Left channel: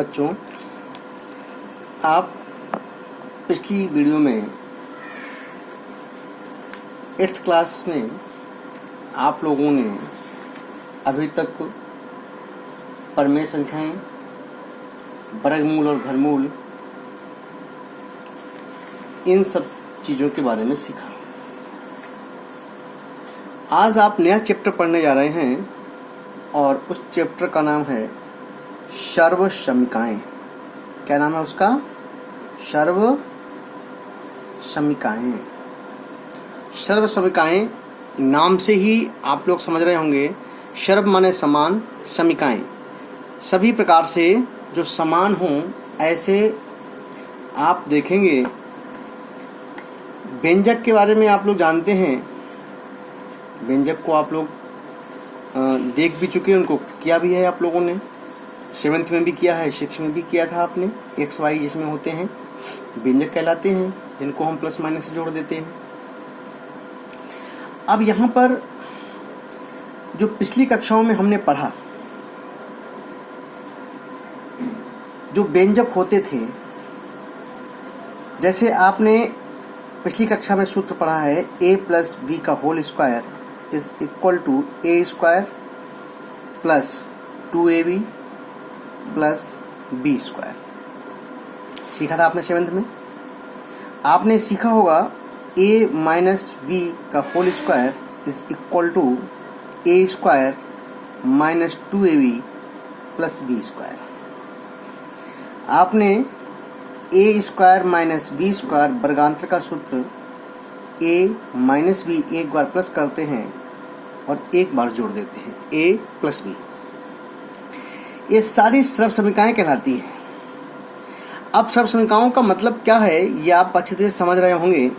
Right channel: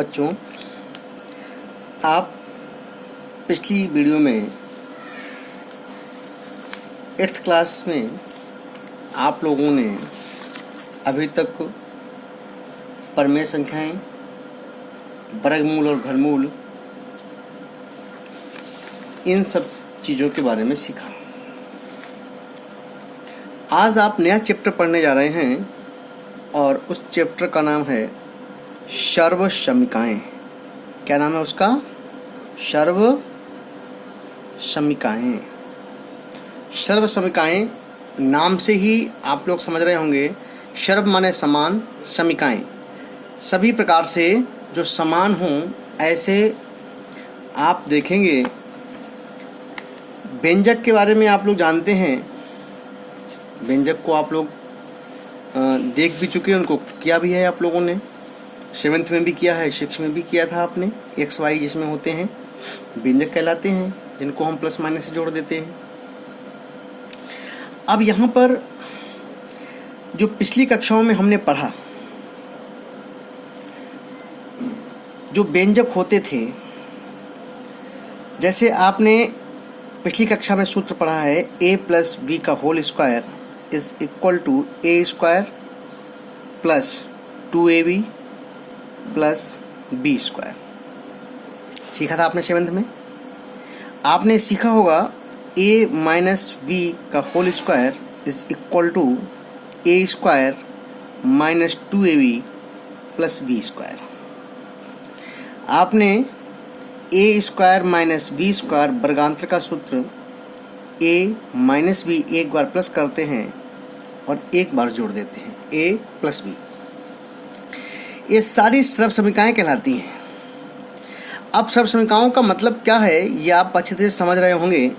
बच्चों, आप पिछली वीडियो में 8th क्लास में आप लोगों ने अभी तक परमेय संख्याएं, वर्गमूल और घनमूल, इन सब चीज़ों के बारे में सीखा। आज आप नया चैप्टर पढ़ने जा रहे हैं और उस चैप्टर का नाम है सर्वसमीकाएं। क्या नाम है उसका? सर्वसमीकाएं। सर्वसमीकाएं नाम से ही आप लोग समझ रहे होंगे। सर्व माने समान, समीकाएं सभी प्रकार से जो समान हों ऐसे। आप देखेंगे व्यंजक के बारे में आप लोग जानते हैं। व्यंजक को आप लोग देख भी चुके हैं, उनको किया भी है आप लोगों ने। 7th में भी किया है, 6th में भी किया था आपने। एक्स वाई जिसमें होते हैं व्यंजक कहलाते हैं, जिनको हम प्लस माइनस से जोड़ देते हैं। अब यहाँ पर जो पिछली कक्षाओं में हमने पढ़ा, जो व्यंजक होते थे, जैसे आपने पिछली कक्षा में सूत्र पढ़ा है a प्लस बी का whole square is equal to a square plus 2ab plus b square. सीखा था आपने 7th में। आपने सीखा होगा a माइनस बी का whole square is equal to a square minus 2ab plus b square. आपने a square minus b square वर्गांतर का सूत्र ए माइनस बी एक बार प्लस करते हैं और एक बार जोड़ देते हैं, ए प्लस बी। ये सारी सर्वसमीकाएं कहलाती हैं। अब सर्वसमीकाओं का मतलब क्या है ये आप अच्छे तरह समझ रहे होंगे।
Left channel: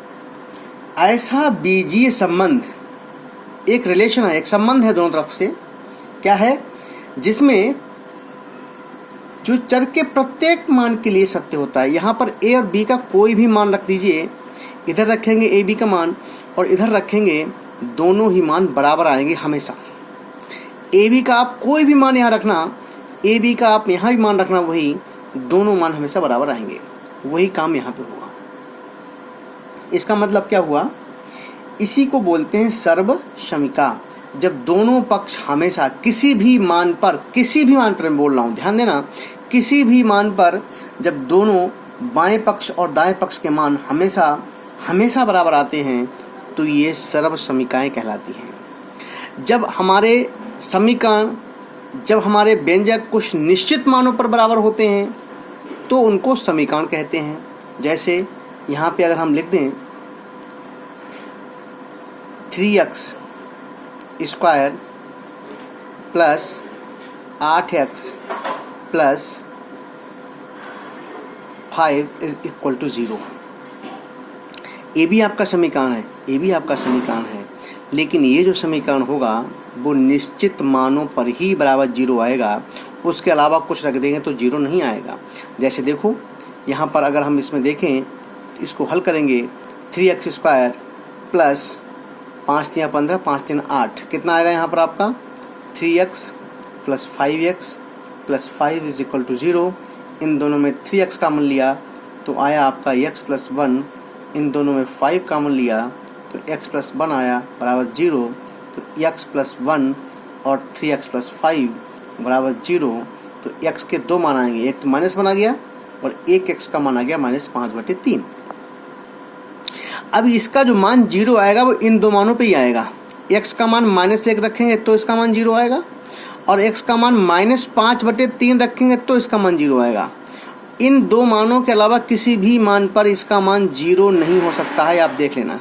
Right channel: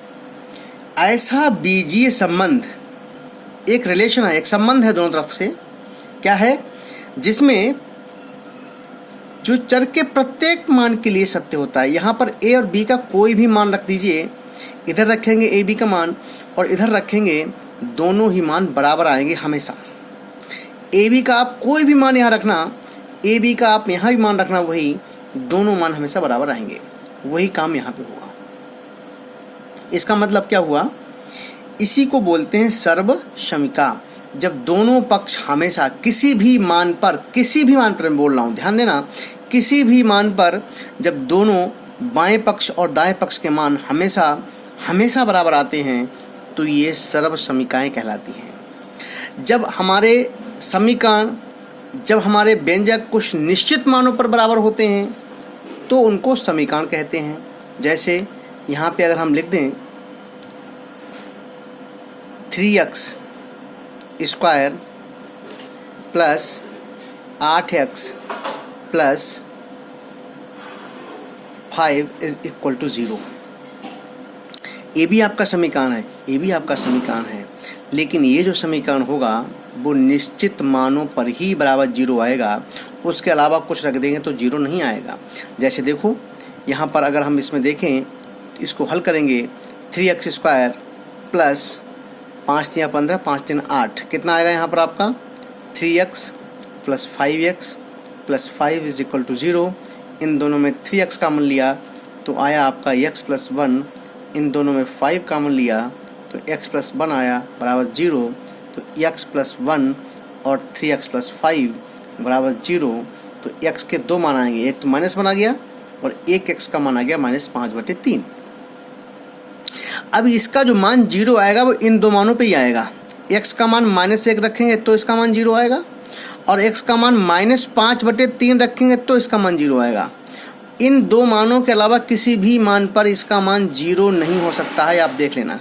ऐसा बीजीय संबंध, एक रिलेशन है, एक संबंध है दोनों तरफ से। क्या है? जिसमें जो चर के प्रत्येक मान के लिए सत्य होता है। यहाँ पर ए और बी का कोई भी मान रख दीजिए, इधर रखेंगे ए बी का मान और इधर रखेंगे, दोनों ही मान बराबर आएंगे हमेशा। ए बी का आप कोई भी मान यहाँ रखना, ए बी का आप यहाँ भी मान रखना, वही दोनों मान हमेशा बराबर आएंगे। वही काम यहाँ पे हुआ। इसका मतलब क्या हुआ? इसी को बोलते हैं सर्वसमीका। जब दोनों पक्ष हमेशा किसी भी मान पर मैं बोल रहा हूँ, ध्यान देना, किसी भी मान पर जब दोनों बाएं पक्ष और दाएं पक्ष के मान हमेशा बराबर आते हैं तो ये सर्वसमीकाएं कहलाती हैं। जब हमारे व्यंजक कुछ निश्चित मानों पर बराबर होते हैं तो उनको समीकरण कहते हैं। जैसे यहाँ पे अगर हम लिख दें 3x square plus 8x plus 5 is equal to 0। ये भी आपका समीकरण है, लेकिन ये जो समीकरण होगा वो निश्चित मानों पर ही बराबर 0 आएगा। उसके अलावा कुछ रख देंगे तो 0 नहीं आएगा। जैसे देखो यहाँ पर अगर हम इसमें देखें, इसको हल करेंगे 3x स्क्वायर प्लस 5 3 15 5 3 8, कितना आएगा यहाँ पर आपका? 3x plus 5x plus 5 is equal to 0। इन दोनों में 3x कॉमन लिया तो आया आपका x प्लस 1। इन दोनों में 5 कॉमन लिया तो x प्लस 1 आया बराबर 0। तो x प्लस 1 और 3x प्लस 5 बराबर 0। तो x के दो मान आएंगे, एक तो माइनस 1 आ गया और एक x का मान आ गया -5/3। अब इसका जो मान 0 आएगा वो इन दो मानों पे ही आएगा। x का मान -1 रखेंगे तो इसका मान 0 आएगा और x का मान -5/3 रखेंगे तो इसका मान 0 आएगा। इन दो मानों के अलावा किसी भी मान पर इसका मान 0 नहीं हो सकता है, आप देख लेना।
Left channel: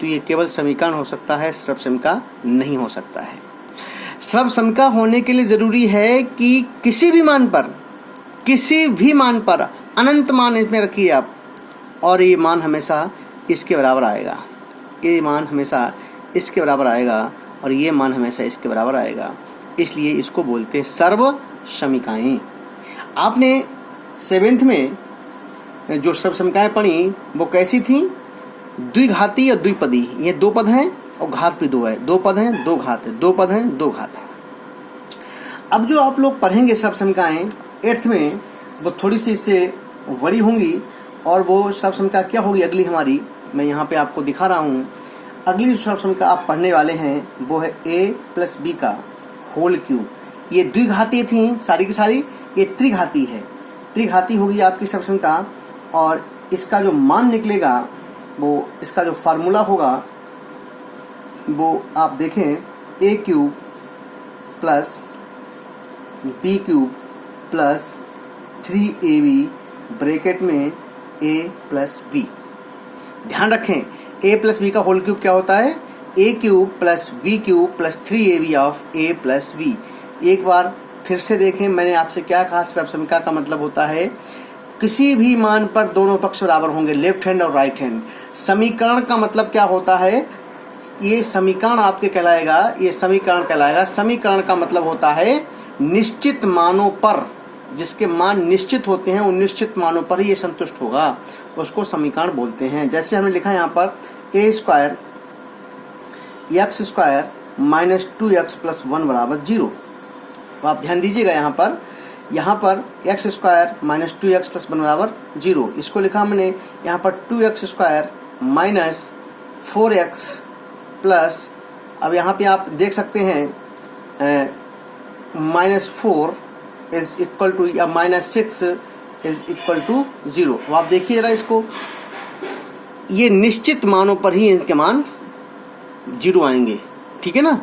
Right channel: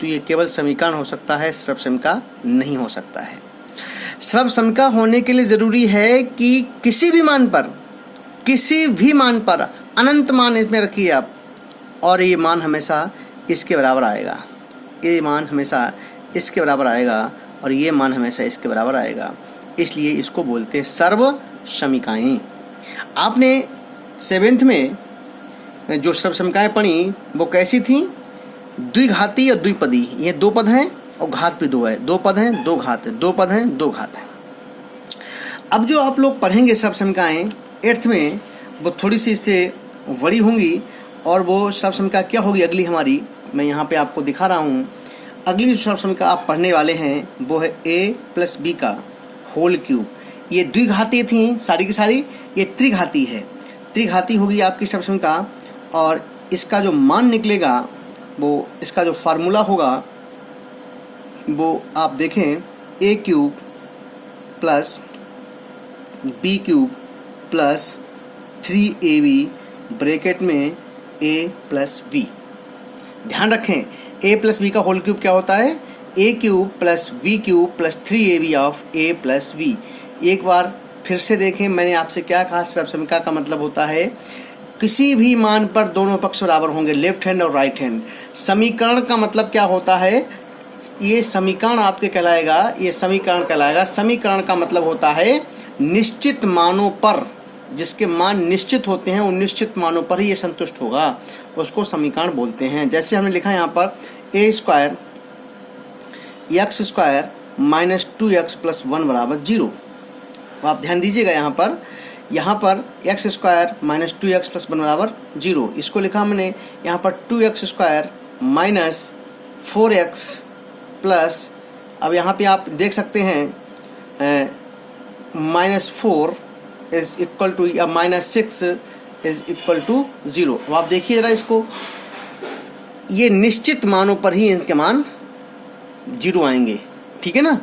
तो ये केवल समीकरण हो सकता है, सर्वसमीका नहीं हो सकता है। सर्वसमीका होने के लिए ज़रूरी है कि किसी भी मान पर अनंत मान इसमें रखिए आप, और ये मान हमेशा इसके बराबर आएगा। ये मान हमेशा इसके बराबर आएगा और ये मान हमेशा इसके बराबर आएगा। इसलिए इसको बोलते हैं सर्वसमीकाएं। आपने 7th में जो सर्वसमीकाएं पढ़ी वो कैसी थी? द्विघाती और द्विपदी। ये दो पद हैं और घात भी दो है, दो पद हैं दो घात है, दो पद हैं दो घात है। अब जो आप लोग पढ़ेंगे सर्व समीकरणाएँ 8th में, वो थोड़ी सी इससे वरी होंगी, और वो सर्व समीकरण क्या होगी अगली हमारी, मैं यहाँ पे आपको दिखा रहा हूँ। अगली जो सर्व समीकरण आप पढ़ने वाले हैं वो है a प्लस बी का होल क्यूब। ये द्विघाती थी सारी की सारी, ये त्रिघाती है, त्रिघाती होगी आपकी सर्व समीकरण। और इसका जो मान निकलेगा, वो इसका जो फार्मूला होगा वो आप देखें, a cube plus b cube plus 3ab bracket में a प्लस b। ध्यान रखें, a प्लस बी का होल क्यूब क्या होता है, a cube plus v cube plus 3ab of a plus b। एक बार फिर से देखें, मैंने आपसे क्या कहा, सर्व समीकरण का मतलब होता है किसी भी मान पर दोनों पक्ष बराबर होंगे, लेफ्ट हैंड और राइट हैंड। समीकरण का मतलब क्या होता है, ये समीकरण आपके कहलाएगा, ये समीकरण कहलाएगा। समीकरण का मतलब होता है निश्चित मानों पर, जिसके मान निश्चित होते हैं उन निश्चित मानों पर ही ये संतुष्ट होगा, उसको समीकरण बोलते हैं। जैसे हमने लिखा है यहाँ पर a square x square minus 2x plus 1 बराबर 0। तो आप ध्यान दीजिएगा, यहाँ पर x square minus 2x plus 1 बराबर 0, इसको लिखा हमने यहाँ पर 2x square minus 4x plus, अब यहाँ पे आप देख सकते हैं -4 इज इक्वल टू, या -6 इज इक्वल टू 0। अब आप देखिए जरा इसको, ये निश्चित मानों पर ही इनके मान 0 आएंगे, ठीक है ना,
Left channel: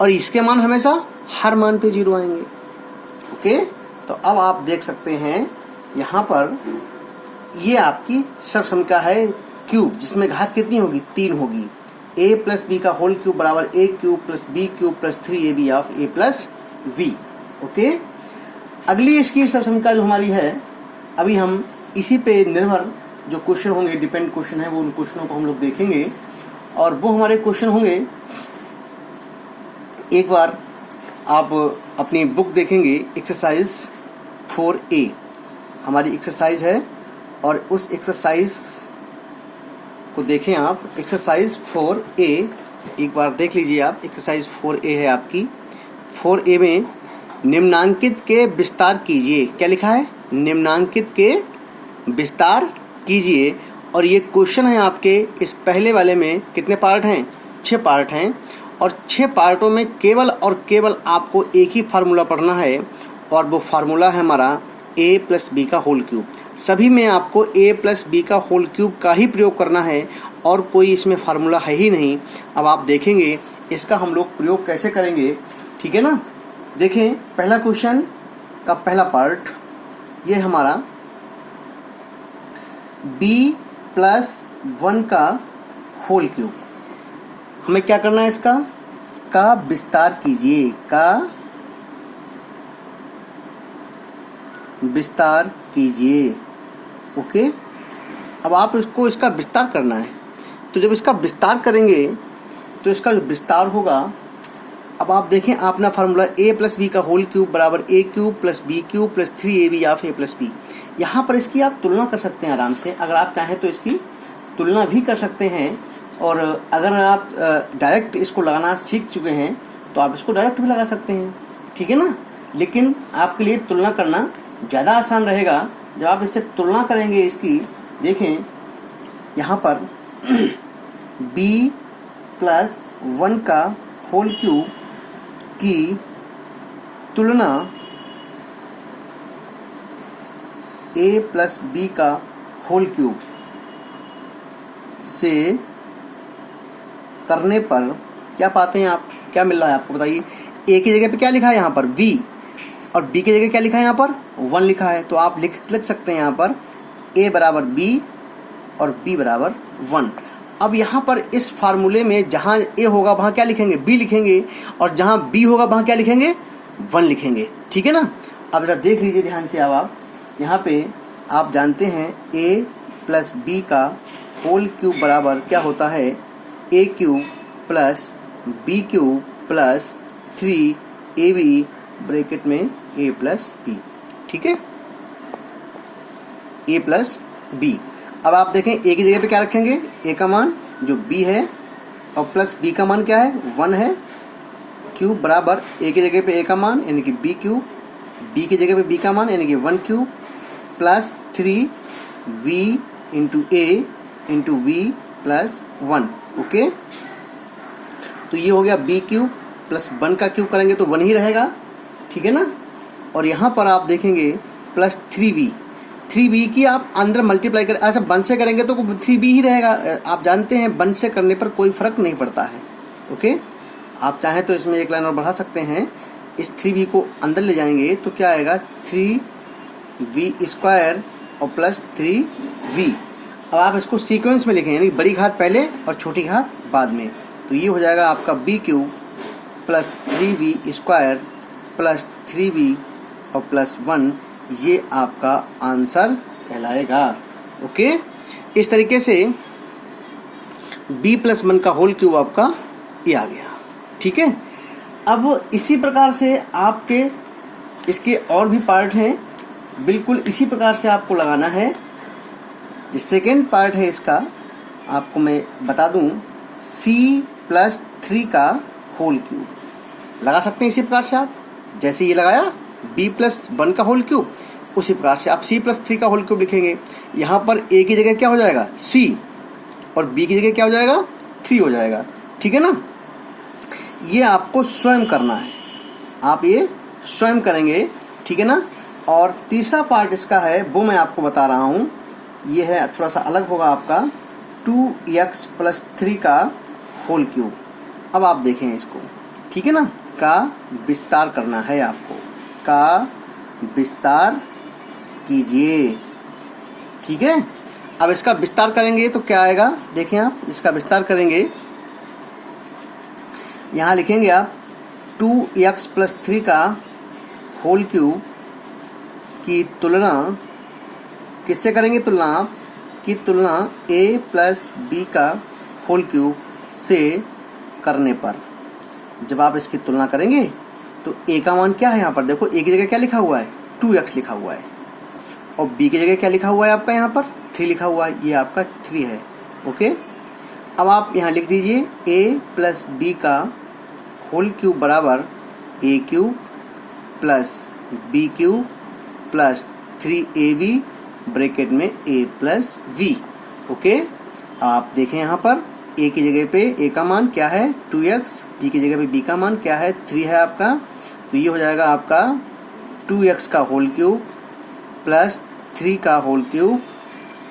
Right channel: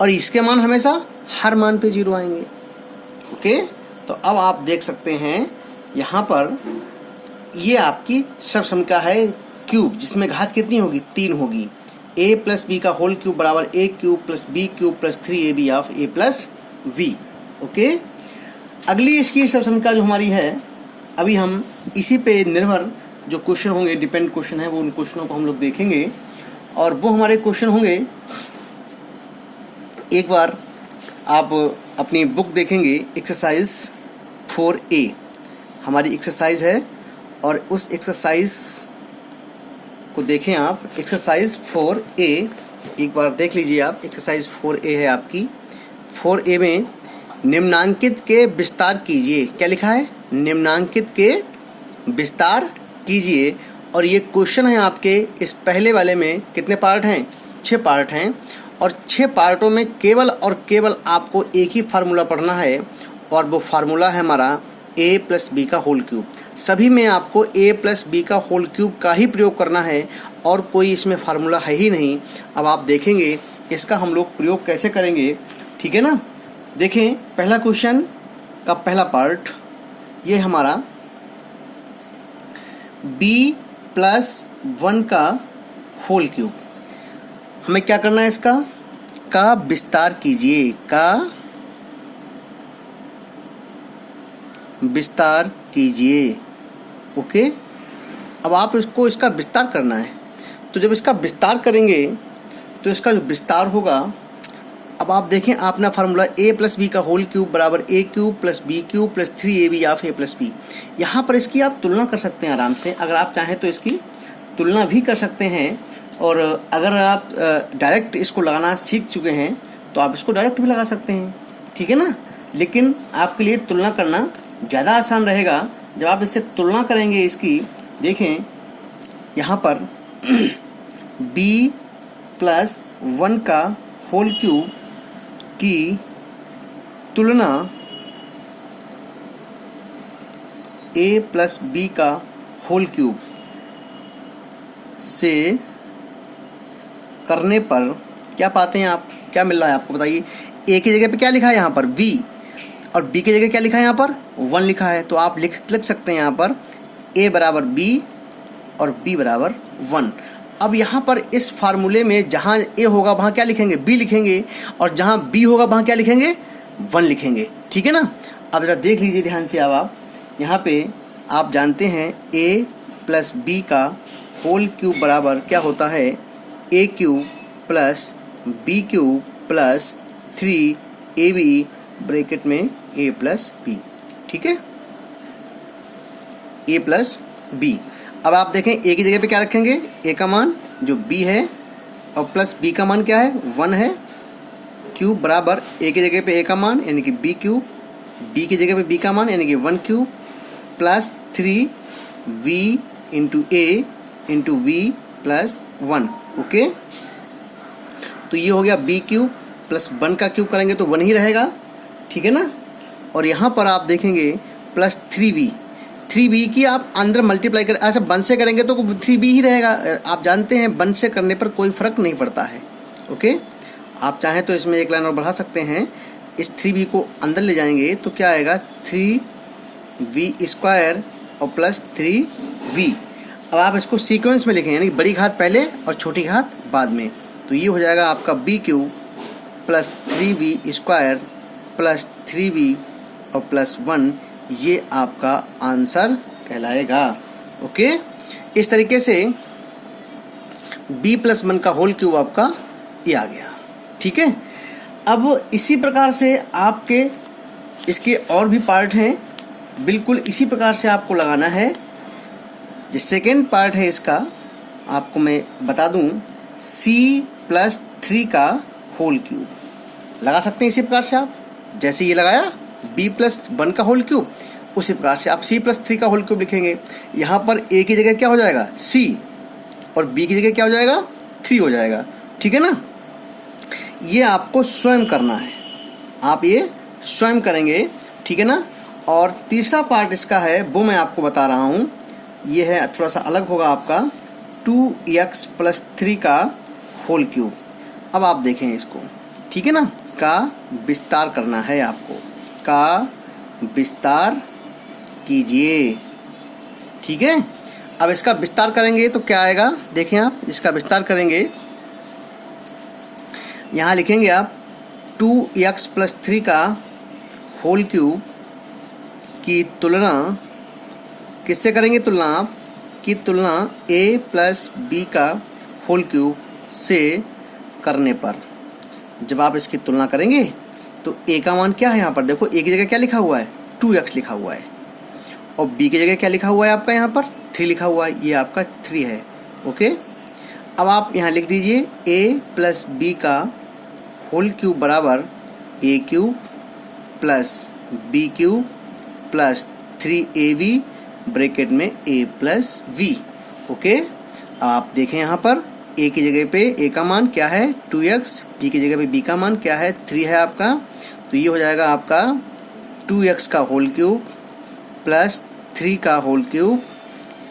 और इसके मान हमेशा हर मान पे 0 आएंगे। ओके, तो अब आप देख सकते हैं यहाँ पर ये आपकी सर्व समीकरण है क्यूब, जिसमें घात कितनी होगी, 3 होगी। a प्लस बी का होल क्यूब बराबर a cube plus b cube plus 3ab of a plus v। Okay, अगली इसकी सर्व समीकरण जो हमारी है, अभी हम इसी पे निर्भर जो क्वेश्चन होंगे, डिपेंड क्वेश्चन है, वो उन क्वेश्चनों को हम लोग देखेंगे। और वो हमारे क्वेश्चन होंगे, एक बार आप अपनी बुक देखेंगे, एक्सरसाइज 4A हमारी एक्सरसाइज है, और उस एक्सरसाइज को देखें आप। एक्सरसाइज 4A एक बार देख लीजिए आप, एक्सरसाइज 4A है आपकी। 4A में निम्नांकित के विस्तार कीजिए, क्या लिखा है, निम्नांकित के विस्तार कीजिए। और ये क्वेश्चन है आपके, इस पहले वाले में कितने पार्ट हैं, 6 पार्ट हैं, और 6 पार्टों में केवल और केवल आपको एक ही फार्मूला पढ़ना है, और वो फार्मूला है हमारा a प्लस बी का होल क्यूब। सभी में आपको a प्लस बी का होल क्यूब का ही प्रयोग करना है, और कोई इसमें फार्मूला है ही नहीं। अब आप देखेंगे इसका हम लोग प्रयोग कैसे करेंगे, ठीक है ना। देखें, पहला क्वेश्चन का पहला पार्ट ये हमारा b प्लस 1 का होल क्यूब, हमें क्या करना है, इसका का विस्तार कीजिए, का विस्तार कीजिए। ओके, अब आप इसका विस्तार करना है, तो जब इसका विस्तार करेंगे तो इसका जो विस्तार होगा, अब आप देखें अपना फार्मूला a प्लस बी का होल क्यूब बराबर a cube plus b cube plus 3ab of a plus b. यहाँ पर इसकी आप तुलना कर सकते हैं आराम से, अगर आप चाहें तो इसकी तुलना भी कर सकते हैं। और अगर आप डायरेक्ट इसको लगाना सीख चुके हैं तो आप इसको डायरेक्ट भी लगा सकते हैं, ठीक है ना। लेकिन आपके लिए तुलना करना ज़्यादा आसान रहेगा। जब आप इससे तुलना करेंगे इसकी, देखें यहाँ पर b प्लस 1 का होल क्यूब की तुलना a प्लस बी का होल क्यूब से करने पर क्या पाते हैं आप, क्या मिल रहा है आपको, बताइए। a की जगह पे क्या लिखा है यहाँ पर b, और b की जगह क्या लिखा है यहाँ पर 1 लिखा है, तो आप लिख सकते हैं यहाँ पर a बराबर b और b बराबर 1। अब यहाँ पर इस फार्मूले में जहाँ a होगा वहाँ क्या लिखेंगे, b लिखेंगे, और जहाँ b होगा वहाँ क्या लिखेंगे, 1 लिखेंगे, ठीक है ना। अब जरा देख लीजिए ध्यान से, अब आप यहाँ पे आप जानते हैं a प्लस बी का होल क्यूब बराबर क्या होता है, a cube plus b cube plus 3ab bracket में a प्लस बी, ठीक है, a प्लस बी। अब आप देखें a की जगह पे क्या रखेंगे, a का मान जो b है, और प्लस b का मान क्या है, 1 है, क्यूब बराबर ए की जगह पे ए का मान यानी कि बी क्यूब, बी की जगह पे बी का मान यानी कि 1 cube plus 3v into a into v plus 1। Okay, तो ये हो गया बी क्यूब प्लस 1 का क्यूब करेंगे तो 1 ही रहेगा, ठीक है ना। और यहाँ पर आप देखेंगे प्लस 3v की आप अंदर मल्टीप्लाई कर, अच्छा 1 से करेंगे तो 3v ही रहेगा। आप जानते हैं 1 से करने पर कोई फर्क नहीं पड़ता है। ओके, आप चाहें तो इसमें एक लाइन और बढ़ा सकते हैं, इस 3v को अंदर ले जाएंगे तो क्या आएगा 3v स्क्वायर और प्लस 3v। अब आप इसको सीक्वेंस में लिखें यानी बड़ी घात पहले और छोटी घात बाद में, तो ये हो जाएगा आपका b cube plus 3v square plus 3v और प्लस 1, ये आपका आंसर कहलाएगा। ओके, इस तरीके से b प्लस 1 का होल क्यूब आपका ये आ गया, ठीक है। अब इसी प्रकार से आपके इसके और भी पार्ट हैं, बिल्कुल इसी प्रकार से आपको लगाना है। जो सेकेंड पार्ट है इसका आपको मैं बता दूं, c प्लस 3 का होल क्यूब लगा सकते हैं इसी प्रकार से। आप जैसे ये लगाया b प्लस 1 का होल क्यूब, उसी प्रकार से आप c प्लस 3 का होल क्यूब लिखेंगे। यहाँ पर a की जगह क्या हो जाएगा c और b की जगह क्या हो जाएगा 3 हो जाएगा, ठीक है ना। ये आपको स्वयं करना है, आप ये स्वयं करेंगे, ठीक है ना। और तीसरा पार्ट इसका है वो मैं आपको बता रहा हूँ, ये है थोड़ा सा अलग होगा आपका 2x प्लस 3 का होल क्यूब। अब आप देखें इसको, ठीक है ना, का विस्तार करना है आपको, का विस्तार कीजिए, ठीक है। अब इसका विस्तार करेंगे तो क्या आएगा, देखें आप इसका विस्तार करेंगे, यहाँ लिखेंगे आप 2x प्लस 3 का होल क्यूब की तुलना किससे करेंगे, तुलना की तुलना a प्लस बी का होल क्यूब से करने पर। जब आप इसकी तुलना करेंगे तो a का मान क्या है, यहाँ पर देखो a की जगह क्या लिखा हुआ है 2x लिखा हुआ है, और b की जगह क्या लिखा हुआ है आपका यहाँ पर 3 लिखा हुआ है, ये आपका 3 है। ओके, अब आप यहाँ लिख दीजिए a प्लस बी का होल क्यूब बराबर a cube plus b cube plus 3ab bracket में a प्लस v। ओके, आप देखें यहाँ पर a की जगह पे a का मान क्या है 2x, b की जगह पे b का मान क्या है 3 है आपका, तो ये हो जाएगा आपका 2x का होल क्यूब प्लस 3 का whole cube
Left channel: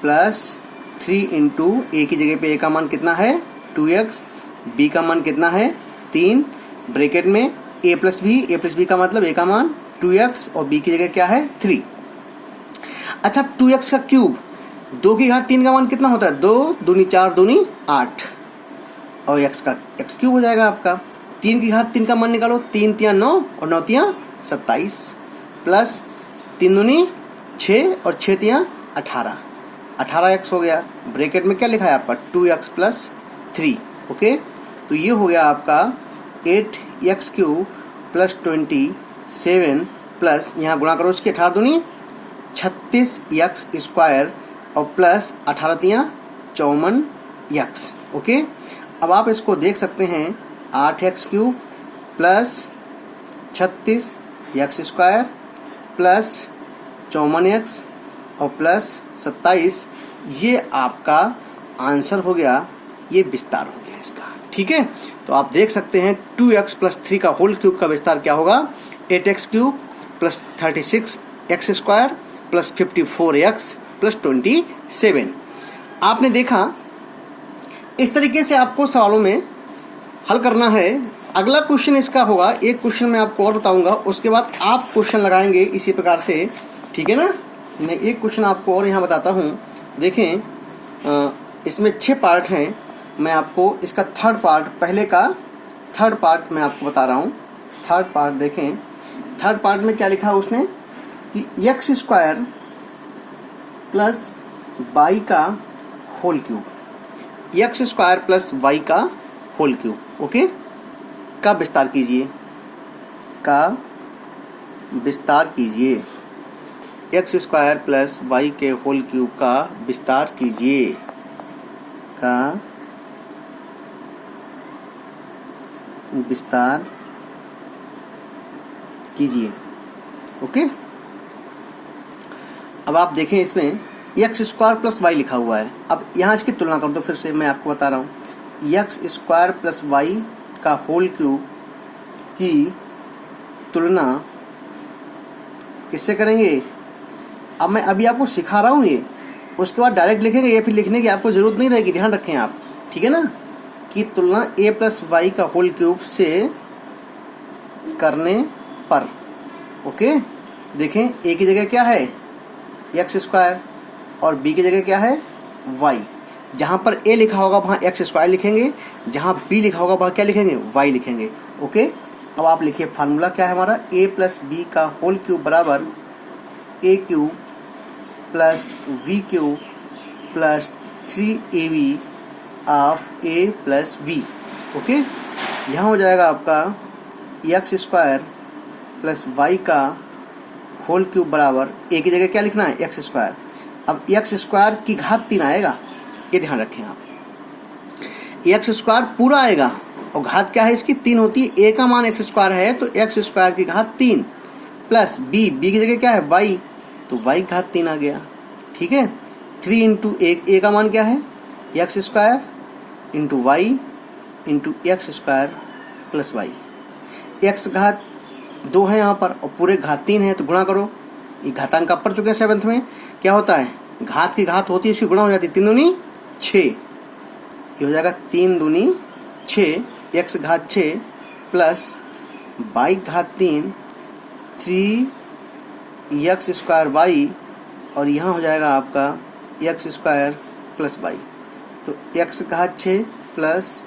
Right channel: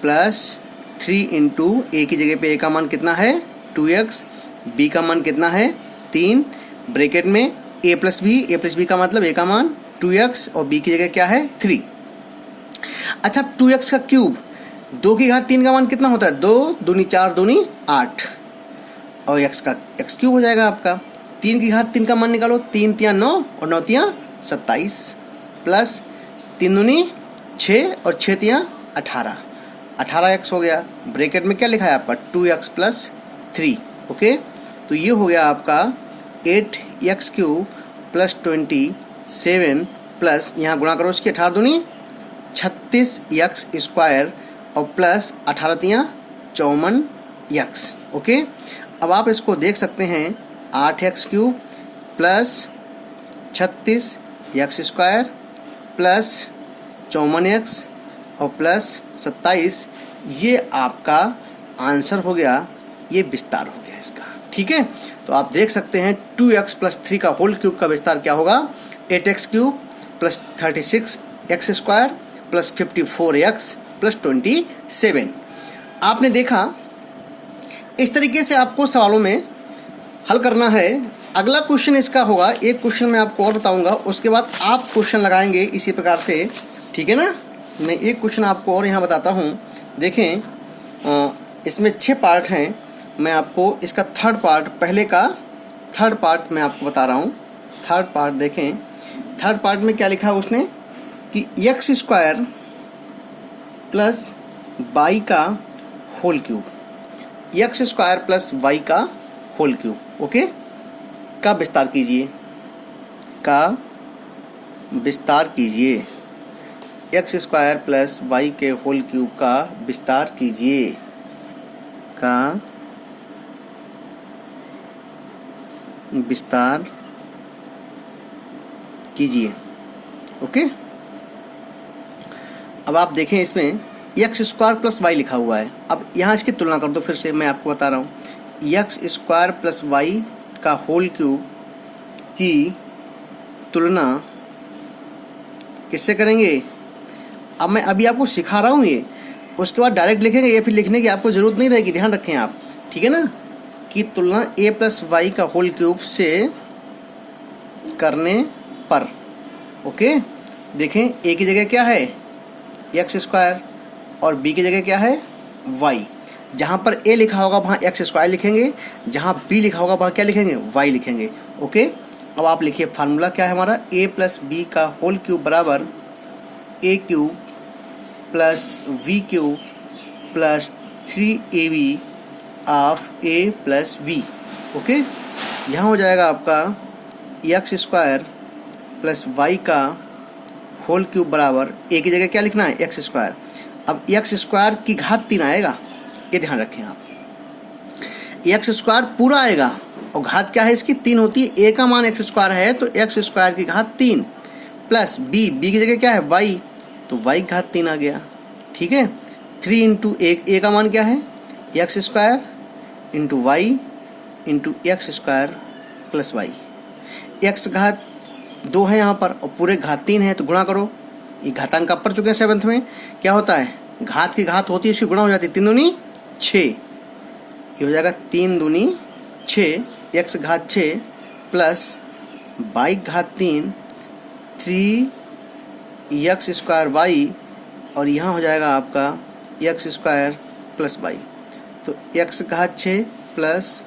plus 3 into a की जगह पे a का मान कितना है 2x, b का मान कितना है 3, ब्रैकेट में a प्लस b का मतलब a का मान 2x और b की जगह क्या है 3। अच्छा, 2x का क्यूब 2 की घात 3 का मान कितना होता है 2 दूनी 4 दूनी 8, और x का x क्यूब हो जाएगा आपका। 3 की घात 3 का मान निकालो, 3 तियाँ 9 और 9 तियाँ 27 प्लस 3 दूनी 6 और 6 तियाँ 18x हो गया। ब्रैकेट में क्या लिखा है आपका 2x प्लस 3। ओके, तो ये हो गया आपका 8x क्यूब प्लस 27 प्लस यहाँ गुणा करो उसकी 18 दूनी 36x स्क्वायर और प्लस 18 तियाँ 54x। ओके, अब आप इसको देख सकते हैं 8x cube plus 36x square plus 54x और प्लस 27, ये आपका आंसर हो गया, ये विस्तार हो गया इसका, ठीक है। तो आप देख सकते हैं 2x प्लस 3 का होल क्यूब का विस्तार क्या होगा 8x cube plus 36x square plus 54x plus 27। आपने देखा इस तरीके से आपको सवालों में हल करना है। अगला क्वेश्चन इसका होगा, एक क्वेश्चन मैं आपको और बताऊंगा, उसके बाद आप क्वेश्चन लगाएंगे इसी प्रकार से, ठीक है ना। मैं एक क्वेश्चन आपको और यहाँ बताता हूँ, देखें इसमें 6 पार्ट हैं, मैं आपको इसका थर्ड पार्ट, पहले का थर्ड पार्ट मैं आपको बता रहा हूँ। थर्ड पार्ट देखें, थर्ड पार्ट में क्या लिखा है उसने कि x स्क्वायर प्लस y का whole cube, x square plus y का होल क्यूब, ओके, का विस्तार कीजिए, का विस्तार कीजिए, x स्क्वायर प्लस y के होल क्यूब का विस्तार कीजिए, का विस्तार कीजिए। ओके, अब आप देखें इसमें एक्स स्क्वायर प्लस वाई लिखा हुआ है। अब यहाँ इसकी तुलना कर दो, फिर से मैं आपको बता रहा हूँ। एक्स स्क्वायर प्लस वाई का होल क्यूब की तुलना किससे करेंगे? अब मैं अभी आपको सिखा रहा हूँ ये, उसके बाद डायरेक्ट लिखेंगे या फिर लिखने की आपको ज़रूरत नहीं रहेगी, ध्यान रखें आप, ठीक है ना। कि तुलना ए प्लस वाई का होल क्यूब से करने पर। ओके, देखें ए की जगह क्या है एक्स स्क्वायर और बी की जगह क्या है वाई। जहाँ पर ए लिखा होगा वहाँ एक्स स्क्वायर लिखेंगे, जहाँ बी लिखा होगा वहाँ क्या लिखेंगे वाई लिखेंगे। ओके, अब आप लिखिए फार्मूला क्या है हमारा, ए प्लस बी का होल क्यूब बराबर a cube plus b cube plus 3ab of a plus b. Okay, यहाँ हो जाएगा आपका एक्स स्क्वायर प्लस वाई का होल क्यूब बराबर ए की जगह क्या लिखना है एक्स स्क्वायर। अब एक्स स्क्वायर की घात 3 आएगा, ये ध्यान रखें आप। एक्स स्क्वायर पूरा आएगा और घात क्या है इसकी 3 होती है। ए का मान एक्स स्क्वायर है तो एक्स स्क्वायर की घात 3 प्लस बी की जगह क्या है वाई, तो वाई घात 3 आ गया। ठीक है, 3 इंटू ए का मान क्या है x square into y into x square plus y. X घात 2 है यहाँ पर और पूरे घात 3 है तो गुणा करो। ये घातांक आप पढ़ चुके हैं 7th में, क्या होता है घात की घात होती है इसकी गुणा हो जाती है, 3 दूनी 6, ये हो जाएगा 3 दूनी 6 एक्स घात 6 प्लस वाई घात 3 3 एक्स स्क्वायर वाई और यहाँ हो जाएगा आपका एक्स स्क्वायर प्लस वाई। तो एक्स घात 6 प्लस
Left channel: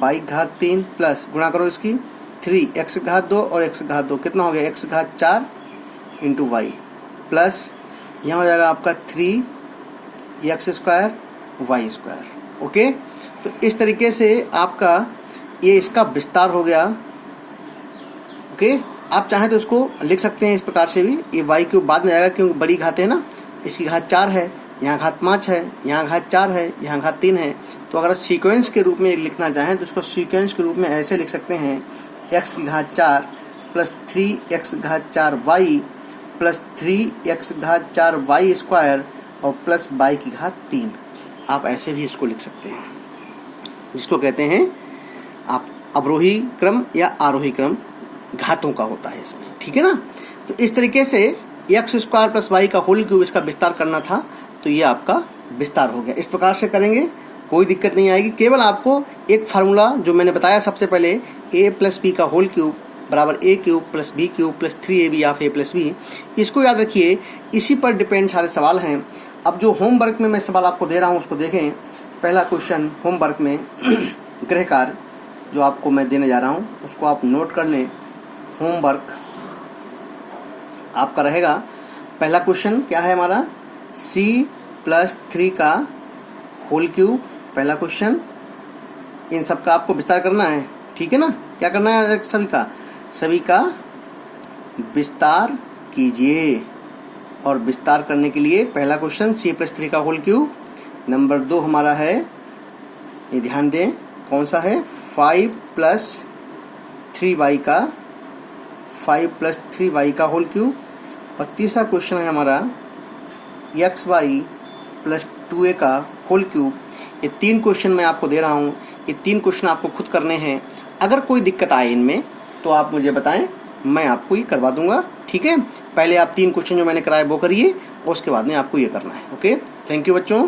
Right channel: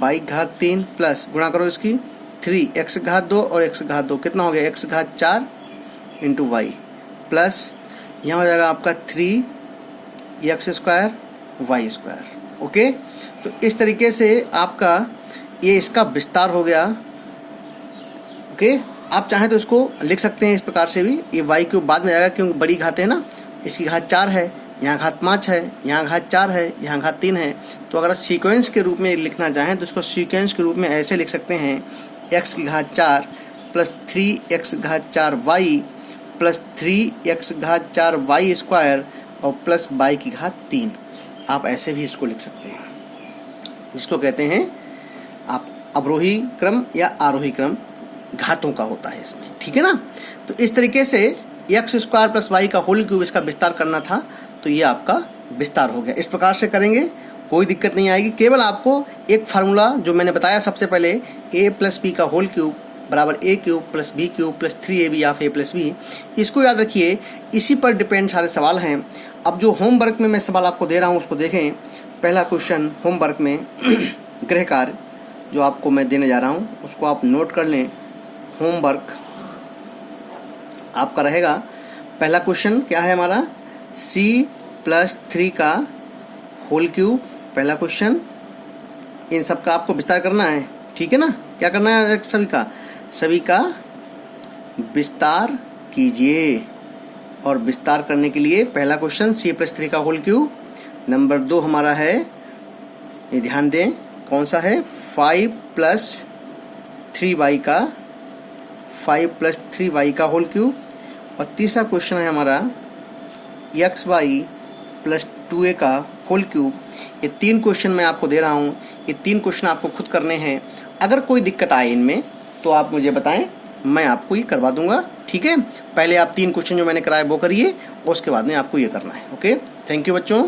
वाई घात 3 प्लस गुणा करो इसकी 3 एक्स घात 2 और एक्स घात 2 कितना हो गया एक्स घात 4 इंटू वाई प्लस यहाँ हो जाएगा आपका 3 x square y square. Okay, तो इस तरीके से आपका ये इसका विस्तार हो गया। ओके, आप चाहें तो उसको लिख सकते हैं इस प्रकार से भी, ये वाई क्यूब बाद में आएगा क्योंकि बड़ी घात है ना, इसकी घात 4 है, यहाँ घात 5 है, यहाँ घात 4 है, यहाँ घात 3 है। तो अगर सीक्वेंस के रूप में लिखना चाहें तो इसको सीक्वेंस के रूप में ऐसे लिख सकते हैं एक्स की घात 4 प्लस 3 एक्स घात 4 वाई प्लस 3 एक्स घात 4 वाई स्क्वायर और प्लस वाई की घात 3। आप ऐसे भी इसको लिख सकते हैं, जिसको कहते हैं आप अवरोही क्रम या आरोही क्रम घातों का होता है इसमें। ठीक है ना, तो इस तरीके से एक्स स्क्वायर प्लस वाई का होल क्यूब इसका विस्तार करना था, तो ये आपका विस्तार हो गया। इस प्रकार से करेंगे कोई दिक्कत नहीं आएगी। केवल आपको एक फार्मूला जो मैंने बताया सबसे पहले, ए प्लस बी का होल क्यूब बराबर a cube plus b cube plus 3ab of a plus b, इसको याद रखिए। इसी पर डिपेंड सारे सवाल हैं। अब जो होमवर्क में मैं सवाल आपको दे रहा हूँ उसको देखें। पहला क्वेश्चन होमवर्क में गृह कार्य जो आपको मैं देने जा रहा हूँ उसको आप नोट कर लें। होमवर्क आपका रहेगा, पहला क्वेश्चन क्या है हमारा, c+3 का होल क्यूब, पहला क्वेश्चन। इन सब का आपको विस्तार करना है, ठीक है ना। क्या करना है सभी का विस्तार कीजिए। और विस्तार करने के लिए पहला क्वेश्चन c+3 का होल क्यूब। नंबर 2 हमारा है, ये ध्यान दें कौन सा है, 5 + 3y का 5 + 3y का होल क्यूब। और तीसरा क्वेश्चन है हमारा xy + 2a का होल क्यूब। ये 3 क्वेश्चन मैं आपको दे रहा हूँ, ये 3 क्वेश्चन आपको खुद करने हैं। अगर कोई दिक्कत आए इनमें तो आप मुझे बताएं, मैं आपको ये करवा दूंगा। ठीक है, पहले आप 3 क्वेश्चन जो मैंने कराए वो करिए, उसके बाद में आपको ये करना है। ओके, थैंक यू बच्चों।